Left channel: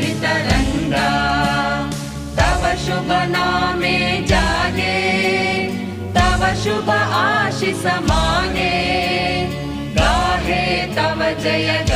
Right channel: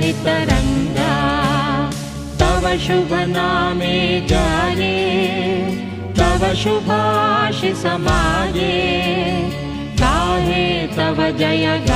तरंगा तव शुभ नामे जाने तव शुभ आशीष माने गाहे तव जय